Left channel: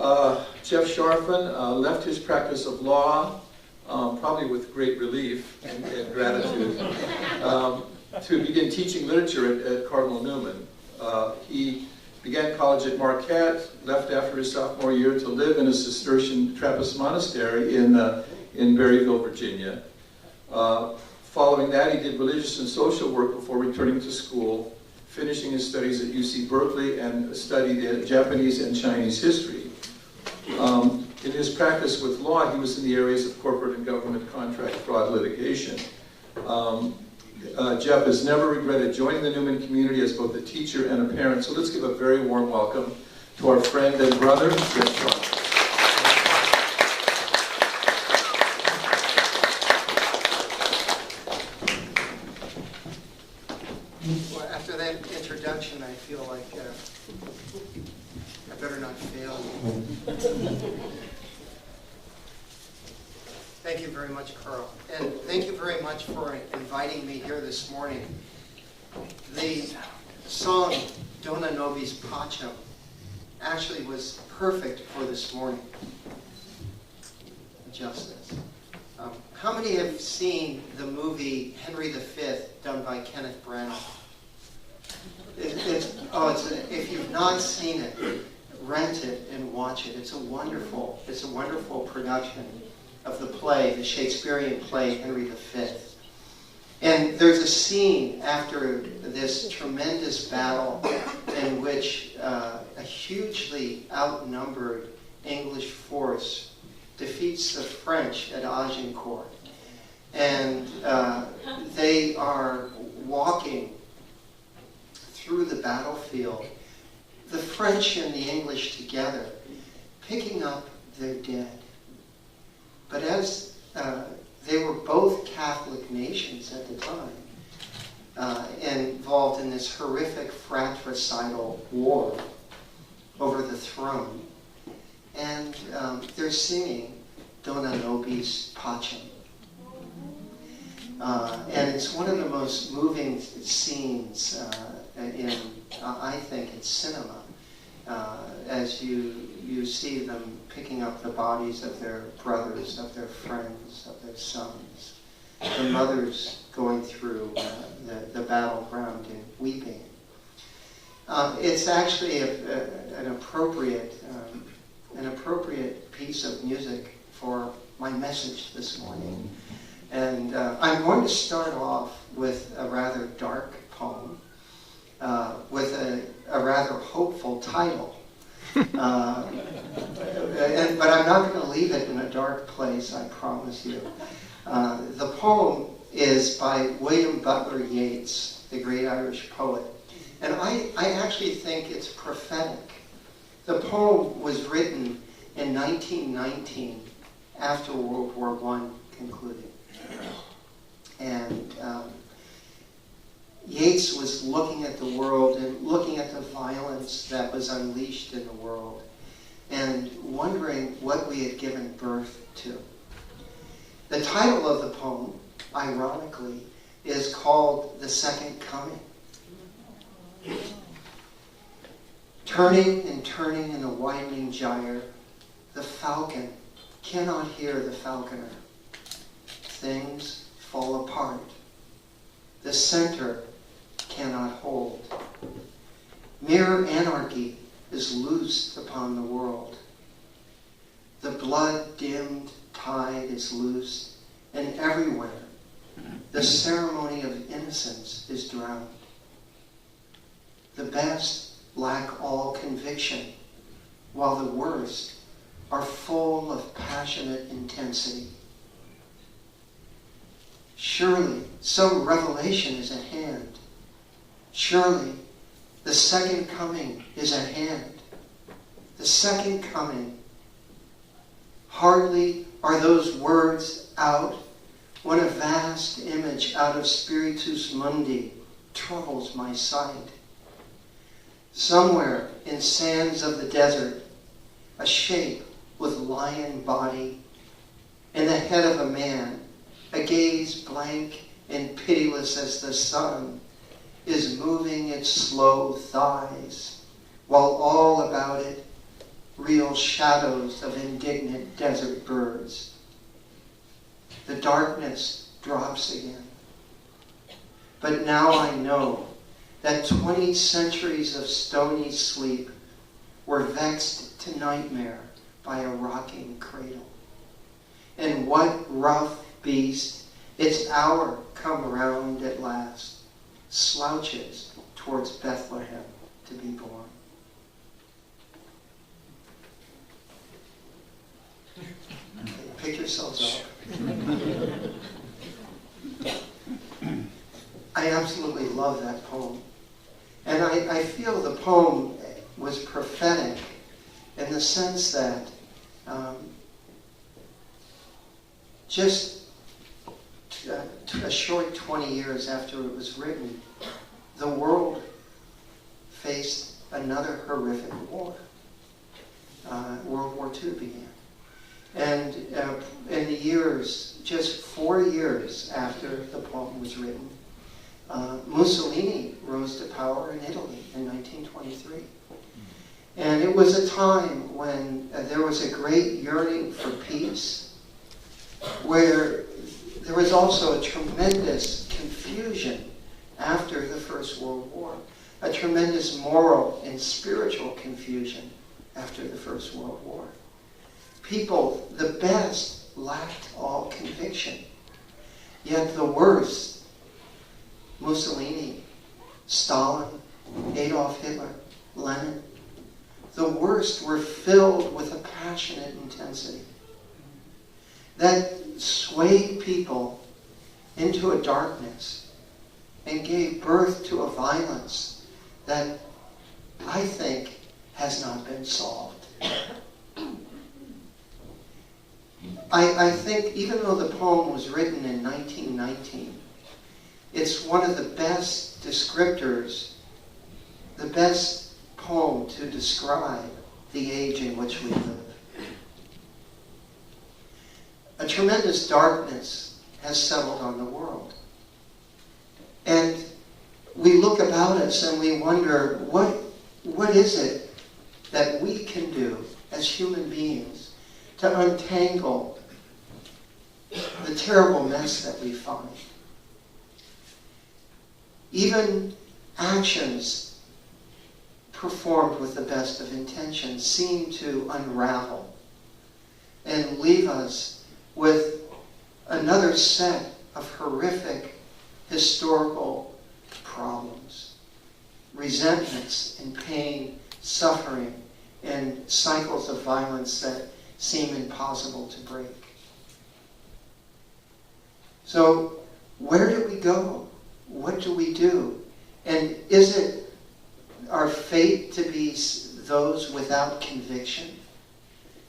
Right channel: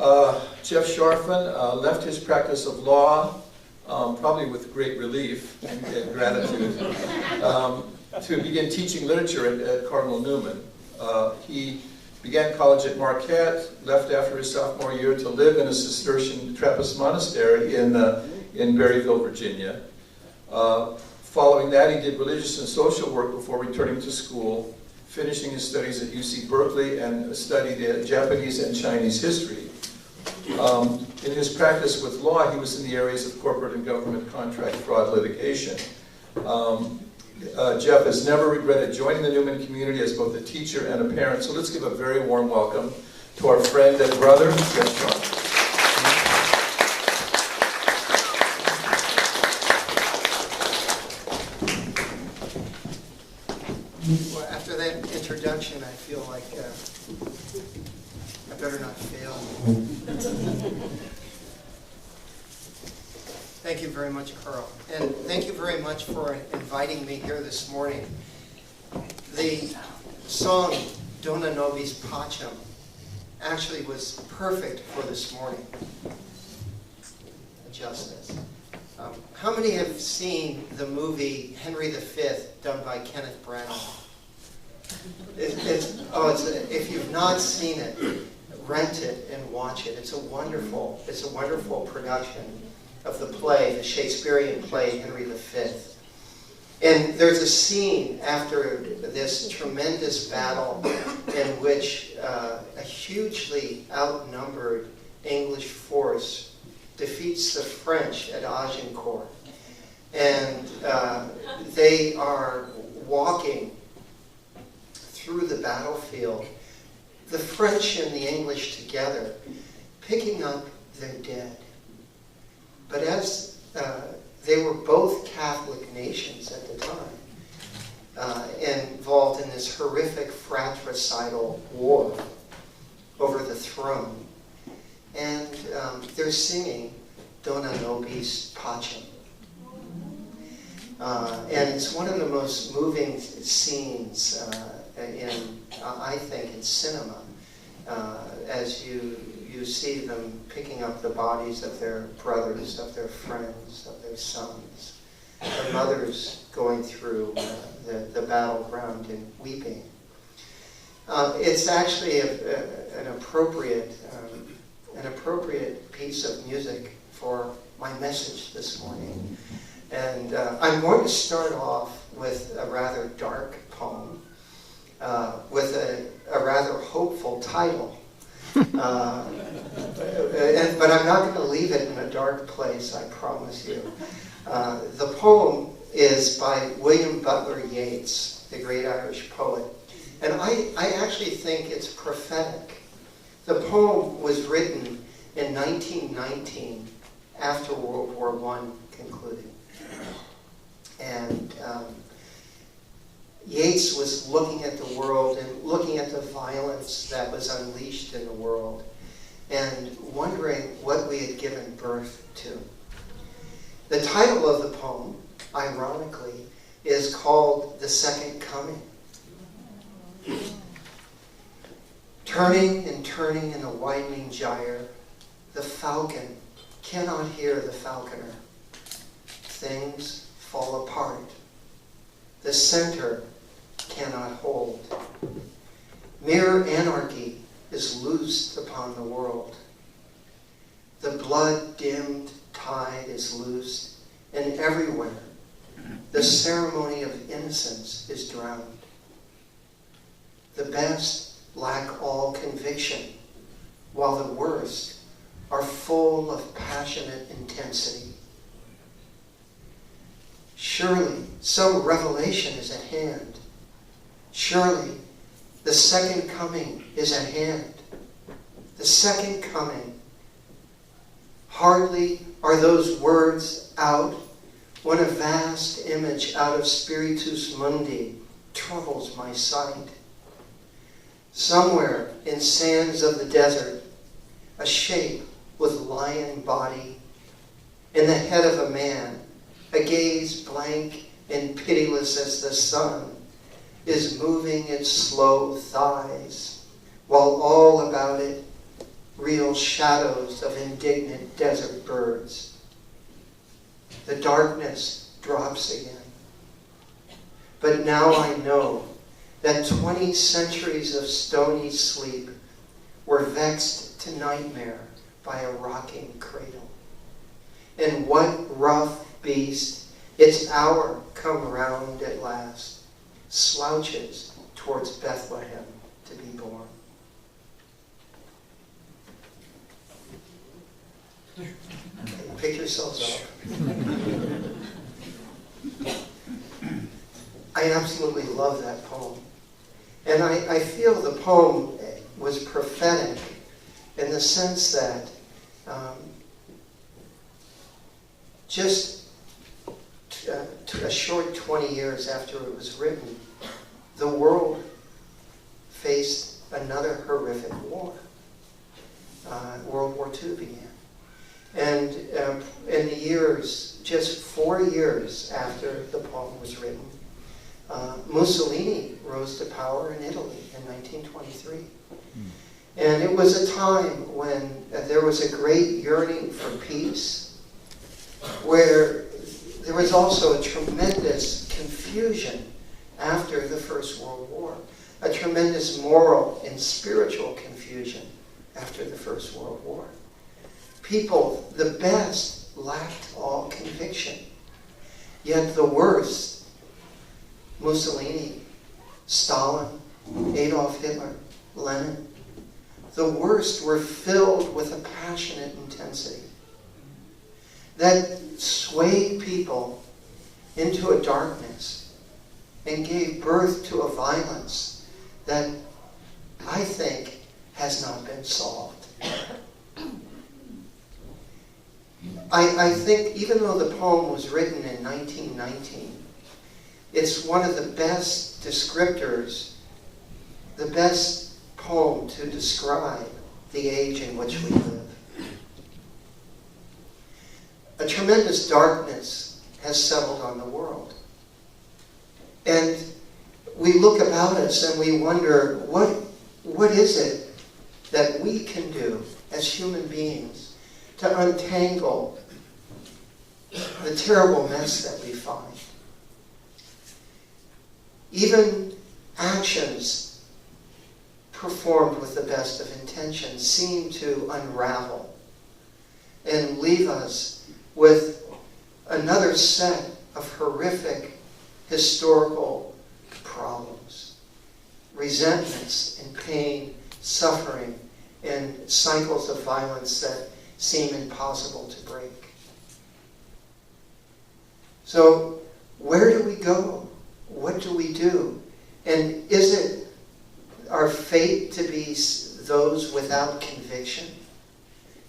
Jeff Scharfen left his practice of law, probably with great relief and gratitude, to begin teaching literature at Cardinal Newman. He began college at Marquette, left after his sophomore year to live in a Cistercian Trappist monastery in Berryville, Virginia. Following that, he did religious and social work before returning to school, finishing his studies at UC Berkeley, and studied Japanese and Chinese history. In his practice with law, he was in the areas of corporate and government contract fraud litigation. Jeff has never regretted joining the Newman community as both a teacher and a parent. So let's give a very warm welcome to our friend and brother, Jeff Scharfen. Well, after that introduction, I feel like I better not fail. Thank you very much, Carl. And thank you very much for inviting me here this morning. The song, Dona Nobis Pacem, actually was perfect for this morning. Justice. How many have seen the movie Henry V, done by Kenneth Branagh? If you've not seen it, rent it and watch it. It's a wonderful production of the play, the Shakespearean play Henry V. And there's a scene after this tremendous battle in which a hugely outnumbered English force defeats the French at Agincourt. And they are walking through the battlefield, the French and the English together, picking up their dead. But as they were both Catholic nations at the time, involved in this horrific fratricidal war over the throne, and they're singing Dona Nobis Pacem. And it's one of the most moving scenes I think, in cinema, as you see them picking up the bodies of their brothers, of their friends, of their sons, the mothers going through the battleground and weeping. It's actually an appropriate piece of music for my message this morning. And I'm going to start off with a rather dark poem, with a rather hopeful title. But I'm not going to leave it in a dark place, I promise you. The poem is by William Butler Yeats, the great Irish poet. And I actually think it's prophetic. The poem was written in 1919, after World War I concluded. And Yeats was looking at the world and looking at the violence that was unleashed in the world and wondering what we had given birth to. The title of the poem, ironically, is called The Second Coming. Turning and turning in a winding gyre, the falcon cannot hear the falconer. Things fall apart. The center cannot hold. Mere anarchy is loosed upon the world. The blood-dimmed tide is loosed, and everywhere the ceremony of innocence is drowned. The best lack all conviction, while the worst are full of passionate intensity. Surely some revelation is at hand. Surely the second coming is at hand. The second coming. Hardly are those words out when a vast image out of Spiritus Mundi troubles my sight. Somewhere in sands of the desert, a shape with lion body, in the head of a man, a gaze blank and pitiless as the sun, is moving its slow thighs, while all about it real shadows of indignant desert birds. The darkness drops again. But now I know that 20 centuries of stony sleep were vexed to nightmare by a rocking cradle. And what rough beast, its hour come round at last, slouches towards Bethlehem to be born. Pick yourselves up. I absolutely love that poem. And I feel the poem was prophetic in the sense that just a short 20 years after it was written, the world faced another horrific war. World War II began. And in the years, just 4 years after the poem was written, Mussolini rose to power in Italy in 1923. And it was a time when there was a great yearning for peace, where there was also a tremendous confusion after the First World War, a tremendous moral and spiritual confusion after the First World War. People, the best, lacked all conviction. Yet the worst, Mussolini, Stalin, Adolf Hitler, Lenin, the worst were filled with a passionate intensity that swayed people into a darkness and gave birth to a violence that I think has not been solved. I think even though the poem was written in 1919, it's one of the best descriptors, the best poem to describe the age in which we live. A tremendous darkness has settled on the world. And we look about us and we wonder, what is it that we can do as human beings to untangle the terrible mess that we find? Even actions performed with the best of intentions seem to unravel and leave us with another set of horrific historical problems, resentments and pain, suffering, and cycles of violence that seem impossible to break. So, where do we go? What do we do? And is it our fate to be those without conviction?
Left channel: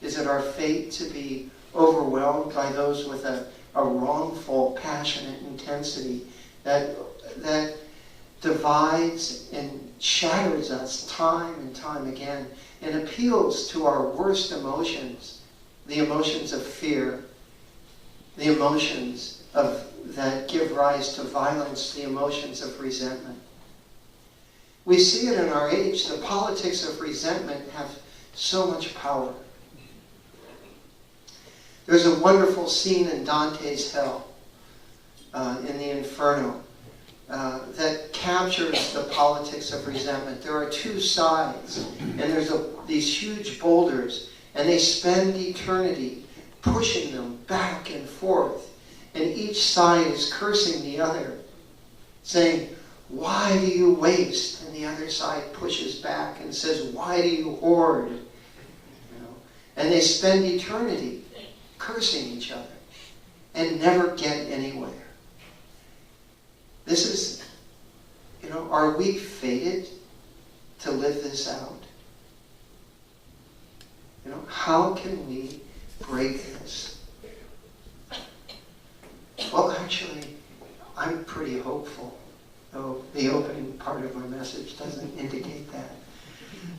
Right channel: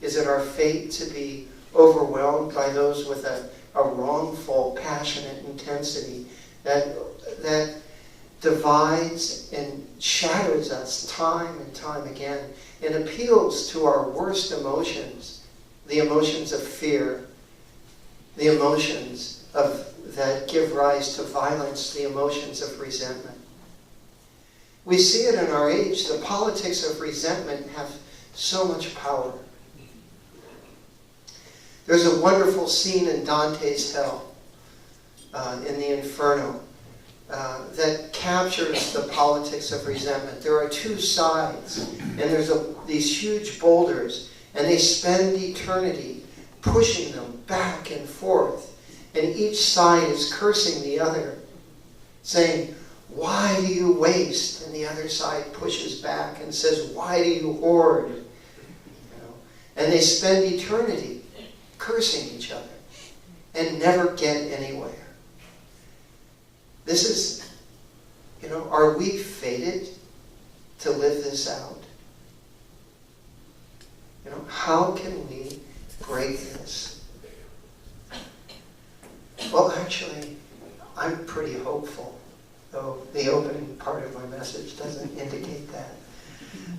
Is it our fate to be overwhelmed by those with a wrongful, passionate intensity that divides and shatters us time and time again and appeals to our worst emotions, the emotions of fear, the emotions that give rise to violence, the emotions of resentment? We see it in our age. The politics of resentment have so much power. There's a wonderful scene in Dante's Hell, in the Inferno, that captures the politics of resentment. There are two sides, and there's these huge boulders, and they spend eternity pushing them back and forth. And each side is cursing the other, saying, "Why do you waste?" And the other side pushes back and says, "Why do you hoard?" And they spend eternity cursing each other and never get anywhere. This is, are we fated to live this out? How can we break this? Well, actually, I'm pretty hopeful, though the opening part of my message doesn't indicate that.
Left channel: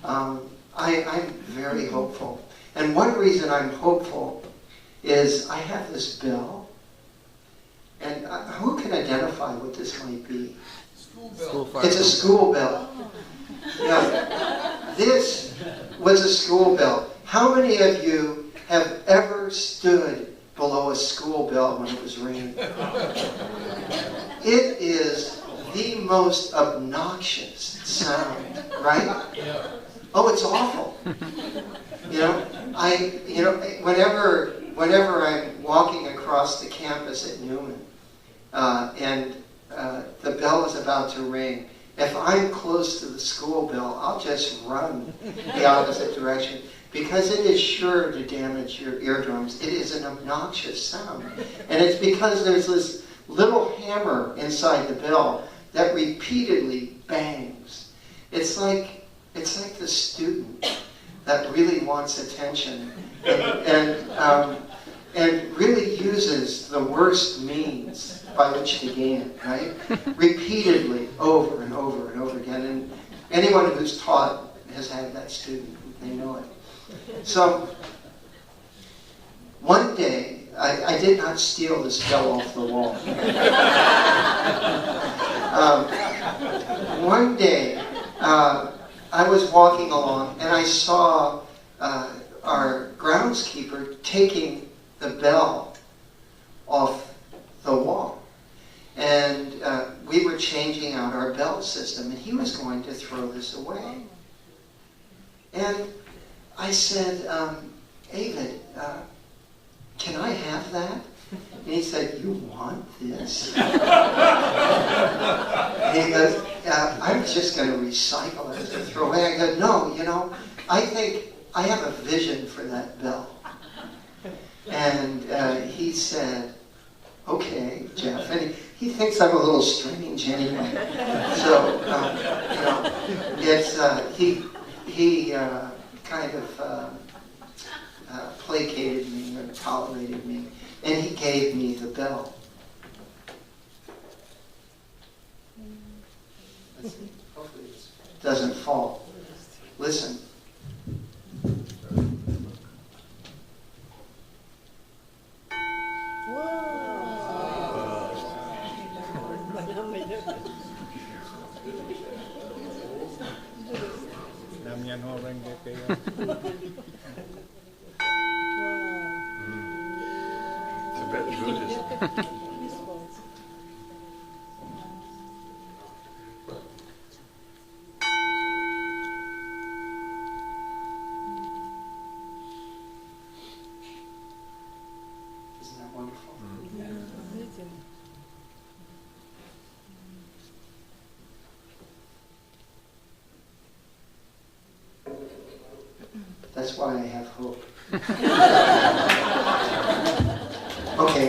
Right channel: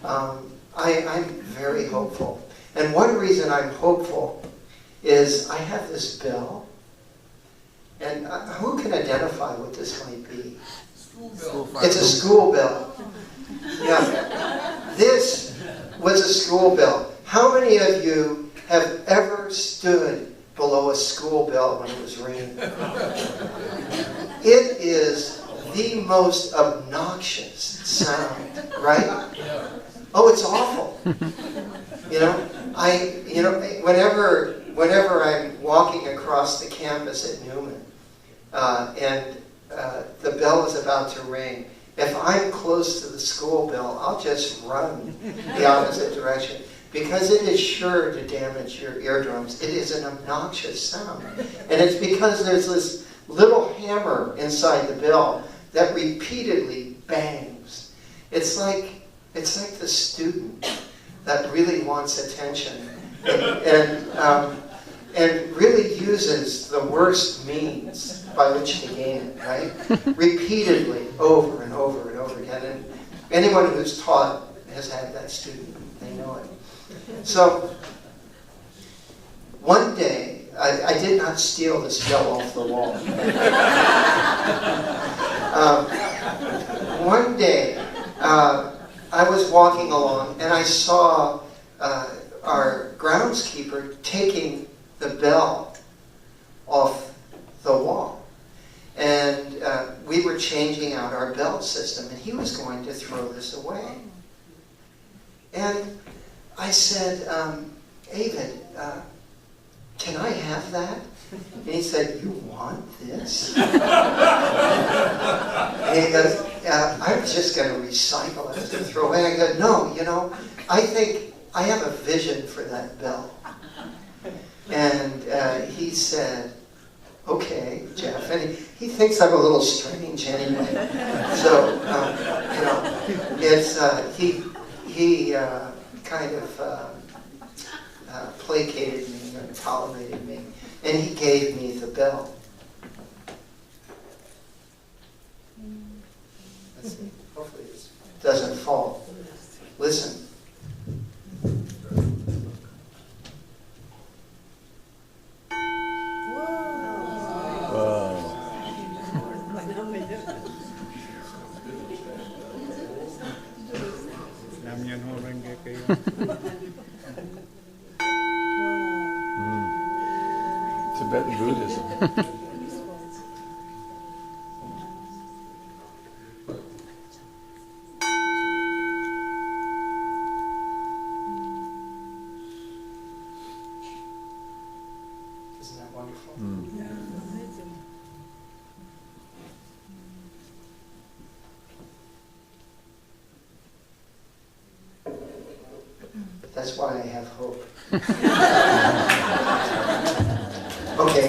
I'm very hopeful. And one reason I'm hopeful is I have this bill, and who can identify what this might be? It's a school bill. Yeah. This was a school bill. How many of you have ever stood below a school bell when it was ringing? It is the most obnoxious sound, right? Oh, it's awful. Whenever I'm walking across the campus at Newman, and the bell is about to ring, if I'm close to the school bell, I'll just run the opposite direction, because it is sure to damage your eardrums. It is an obnoxious sound. And it's because there's this little hammer inside the bell that repeatedly bangs. It's like the student that really wants attention and really uses the worst means by which to gain it, right? Repeatedly, over and over and over again. And anyone who's taught has had that student. They know it. So, one day, I did not steal this bell off the wall. One day, I was walking along and I saw our groundskeeper taking the bell off the wall. And we were changing out our bell system, and he was going to throw this away. And I said, David, can I have that? And he said, you want this? And he goes, I'm just going to recycle it and throw away. I go, no, I think I have a vision for that bell. And he said, okay, Jeff. And he thinks I'm a little strange anyway. So, he kind of placated me and tolerated me. And he gave me the bell. Let's see. Hopefully this doesn't fall. Listen. Tibetan Buddhism. Isn't that wonderful? That's why I have hope. Okay.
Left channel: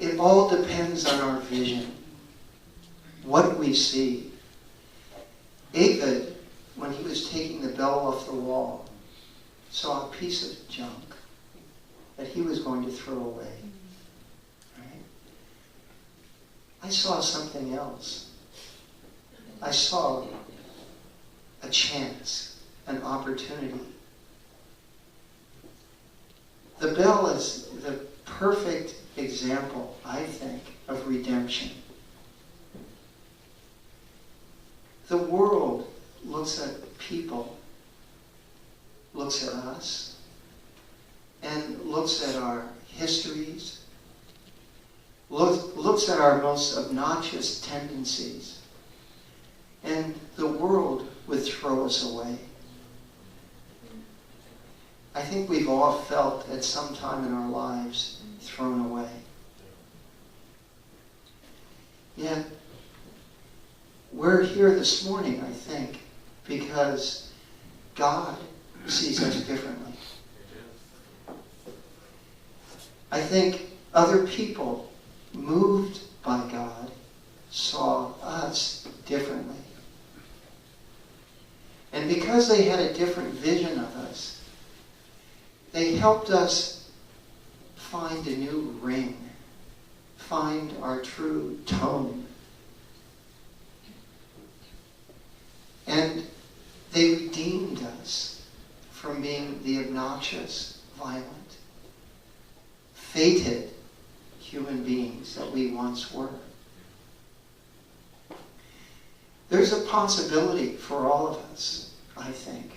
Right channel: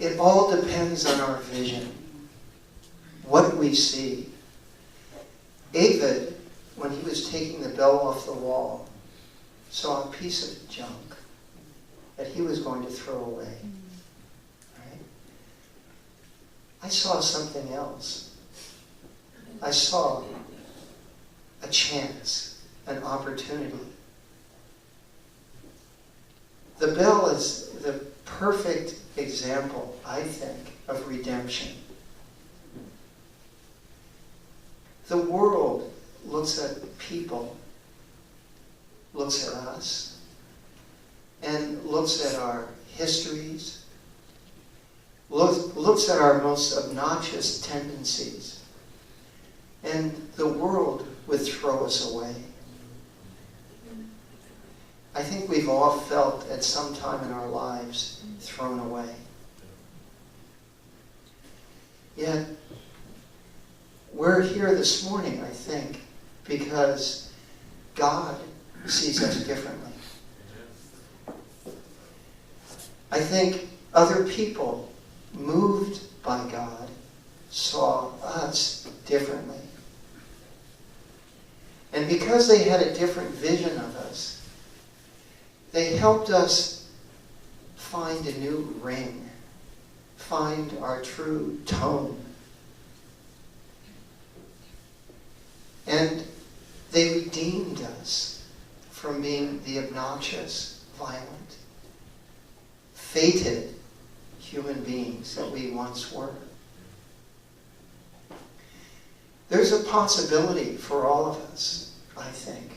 It all depends on our vision. What we see. David, when he was taking the bell off the wall, saw a piece of junk that he was going to throw away. Right? I saw something else. I saw a chance, an opportunity. The bell is the perfect example, I think, of redemption. The world looks at people, looks at us, and looks at our histories, looks at our most obnoxious tendencies, and the world would throw us away. I think we've all felt at some time in our lives thrown away. Yet, we're here this morning, I think, because God sees us differently. I think other people, moved by God, saw us differently. And because they had a different vision of us, they helped us find a new ring, find our true tone. And they redeemed us from being the obnoxious, violent, fated human beings that we once were. There's a possibility for all of us, I think,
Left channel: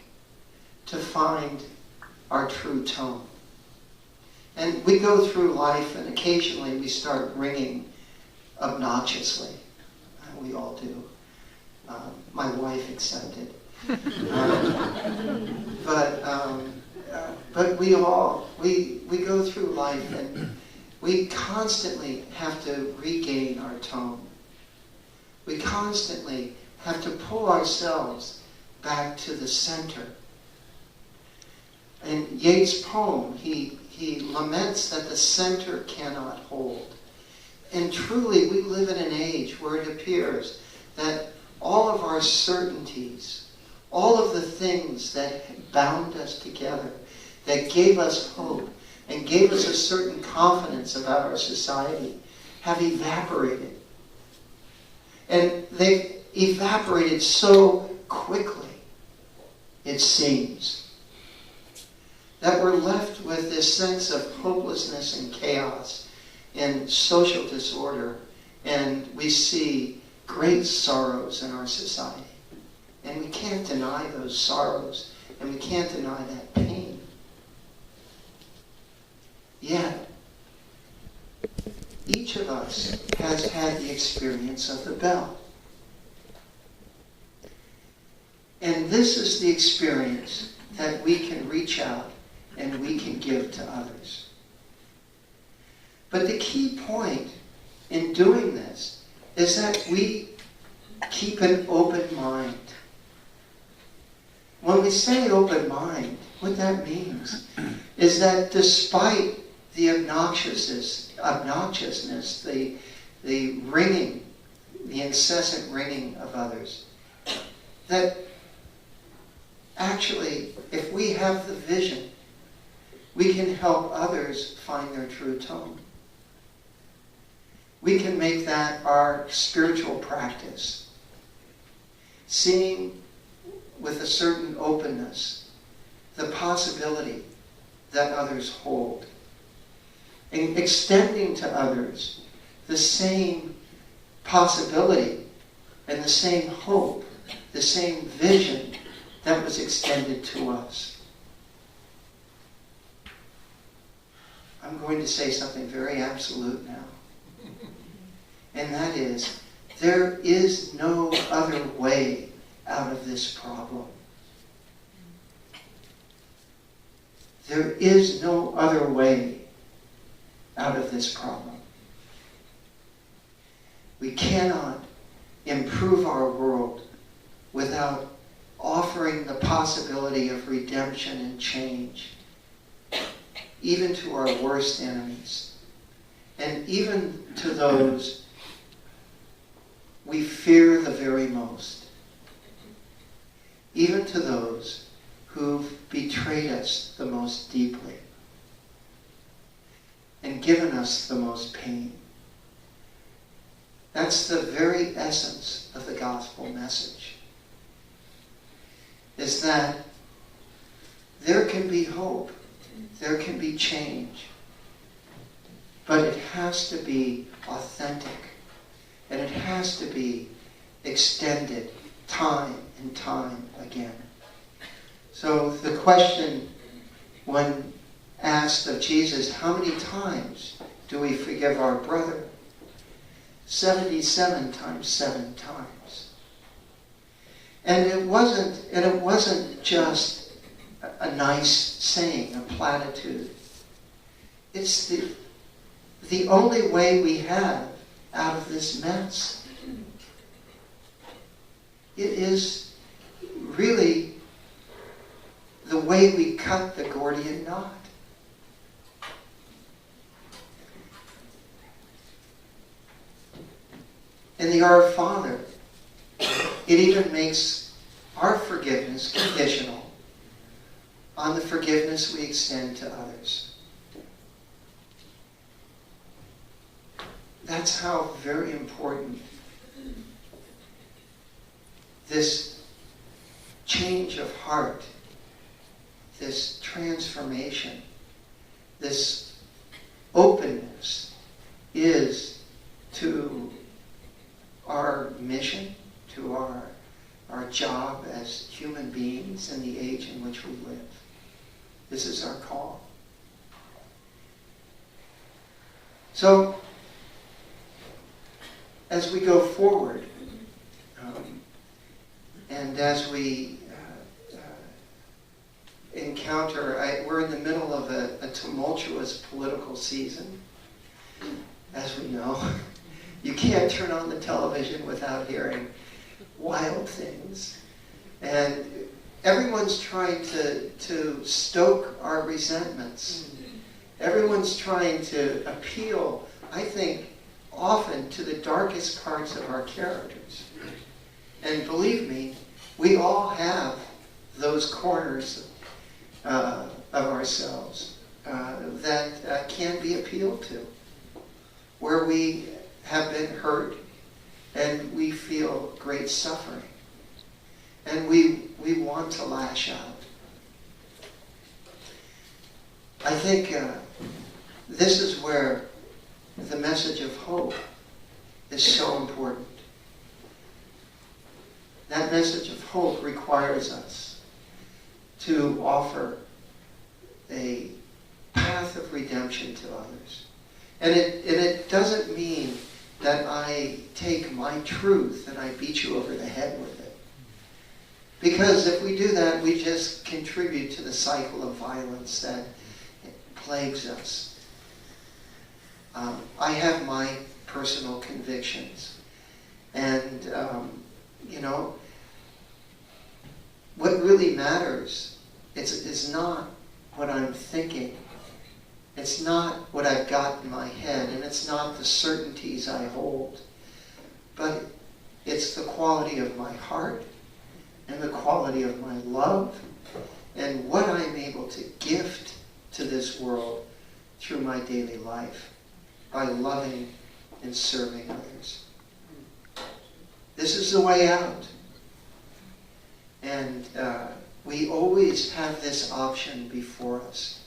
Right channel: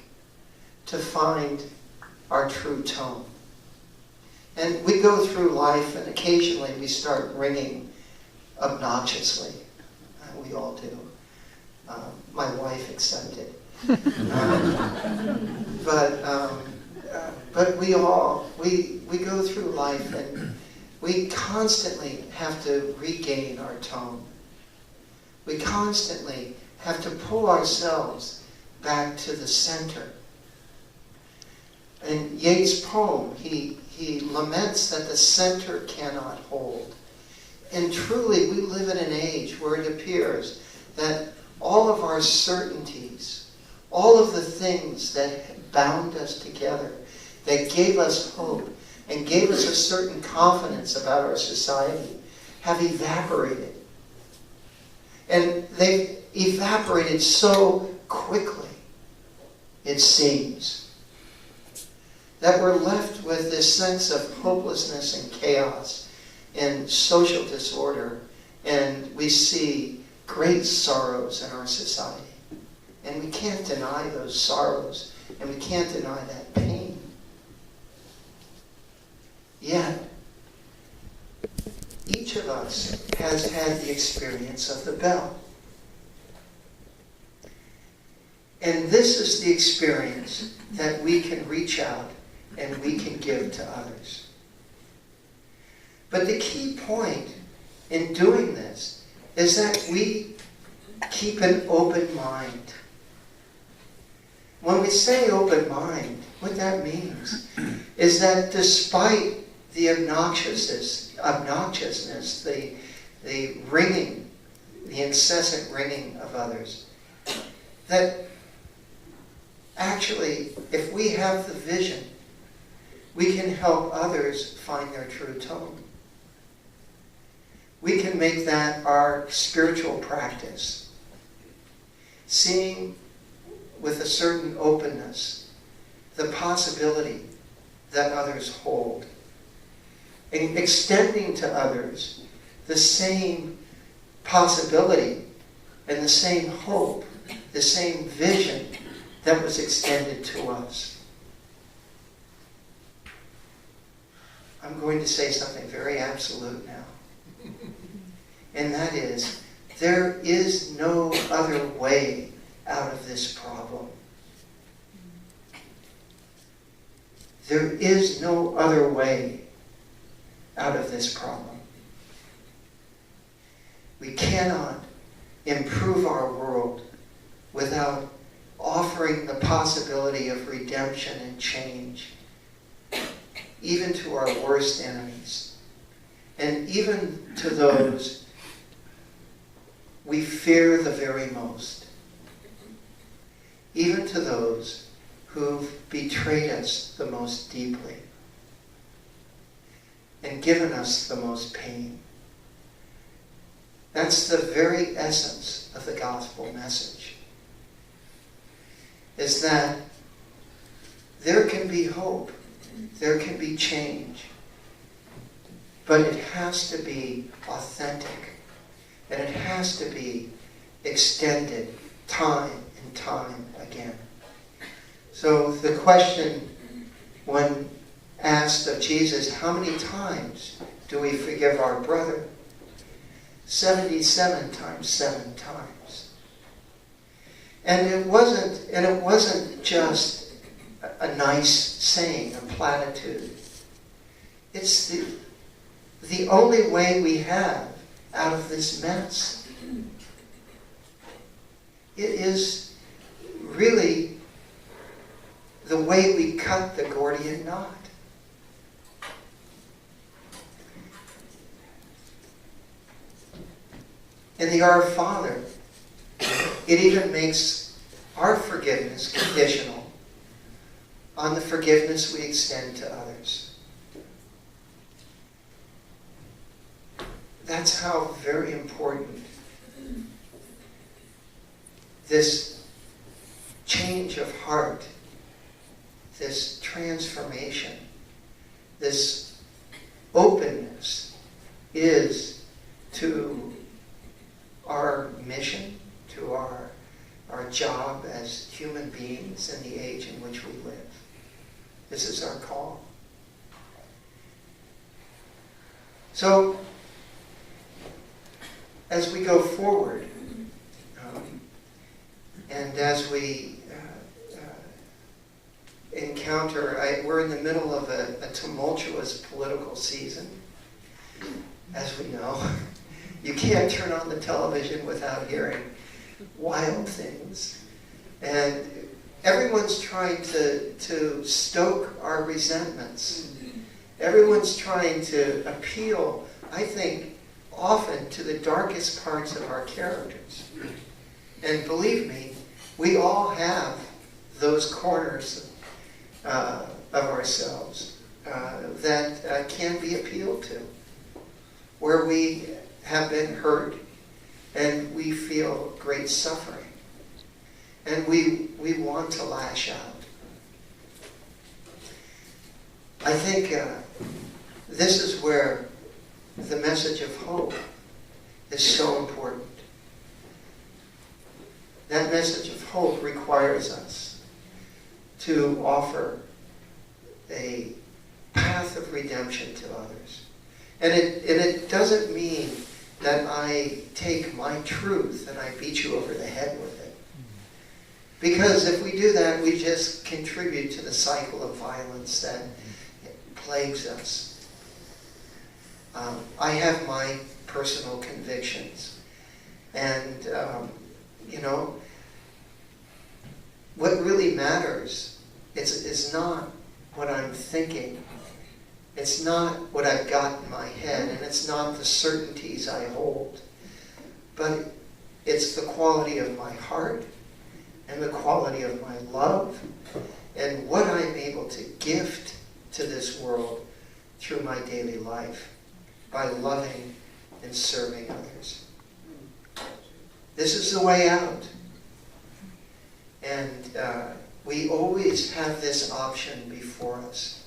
to find our true tone. And we go through life, and occasionally we start ringing obnoxiously. We all do. My wife accepted. But we go through life, and we constantly have to regain our tone. We constantly have to pull ourselves back to the center. In Yeats' poem, he laments that the center cannot hold. And truly, we live in an age where it appears that all of our certainties, all of the things that bound us together, that gave us hope and gave us a certain confidence about our society, have evaporated. And they've evaporated so quickly, it seems, that we're left with this sense of hopelessness and chaos and social disorder, and we see great sorrows in our society. And we can't deny those sorrows, and we can't deny that pain. Yet, each of us has had the experience of the bell. And this is the experience that we can reach out and we can give to others. But the key point in doing this is that we keep an open mind. When we say open mind, what that means is that despite the obnoxiousness, the ringing, the incessant ringing of others, that actually, if we have the vision, we can help others find their true tone. We can make that our spiritual practice. Seeing with a certain openness the possibility that others hold. And extending to others the same possibility and the same hope, the same vision that was extended to us. I'm going to say something very absolute now. And that is, there is no other way out of this problem. There is no other way out of this problem. We cannot improve our world without offering the possibility of redemption and change, even to our worst enemies, and even to those we fear the very most, even to those who've betrayed us the most deeply and given us the most pain. That's the very essence of the gospel message, is that there can be hope, there can be change, but it has to be authentic, and it has to be extended time and time again. So the question, when asked of Jesus, how many times do we forgive our brother? 77 times 7 times. And it wasn't just a nice saying, a platitude. It's the only way we have out of this mess. It is really the way we cut the Gordian knot. In the Our Father, it even makes our forgiveness conditional on the forgiveness we extend to others. That's how very important this change of heart, this transformation, this openness is to our mission, to our job as human beings in the age in which we live. This is our call. So, as we go forward, and as we encounter, we're in the middle of a tumultuous political season, as we know. You can't turn on the television without hearing wild things. And everyone's trying to stoke our resentments. Everyone's trying to appeal, I think, often to the darkest parts of our characters. And believe me, we all have those corners of ourselves that can be appealed to, where we have been hurt and we feel great suffering. And we want to lash out. I think this is where the message of hope is so important. That message of hope requires us to offer a path of redemption to others. And it doesn't mean that I take my truth and I beat you over the head with it. Because if we do that, we just contribute to the cycle of violence that plagues us. I have my personal convictions. And, what really matters is not what I'm thinking. It's not what I've got in my head, and it's not the certainties I hold. But it's the quality of my heart and the quality of my love and what I'm able to gift to this world through my daily life by loving and serving others. This is the way out. And we always have this option before us.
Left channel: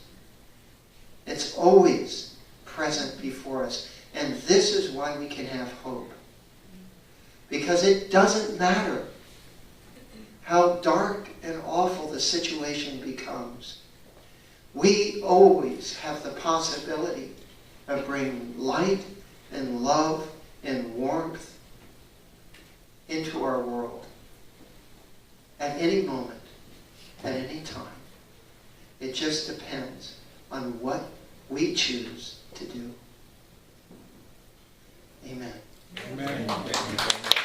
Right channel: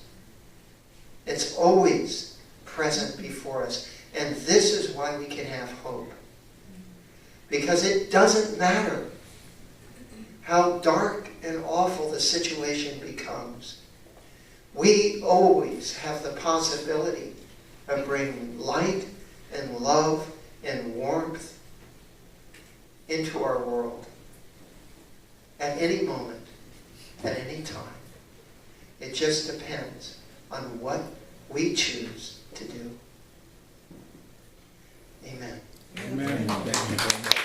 It's always present before us. And this is why we can have hope. Because it doesn't matter how dark and awful the situation becomes. We always have the possibility of bringing light and love and warmth into our world. At any moment, at any time. It just depends on what we choose to do. Amen. Amen.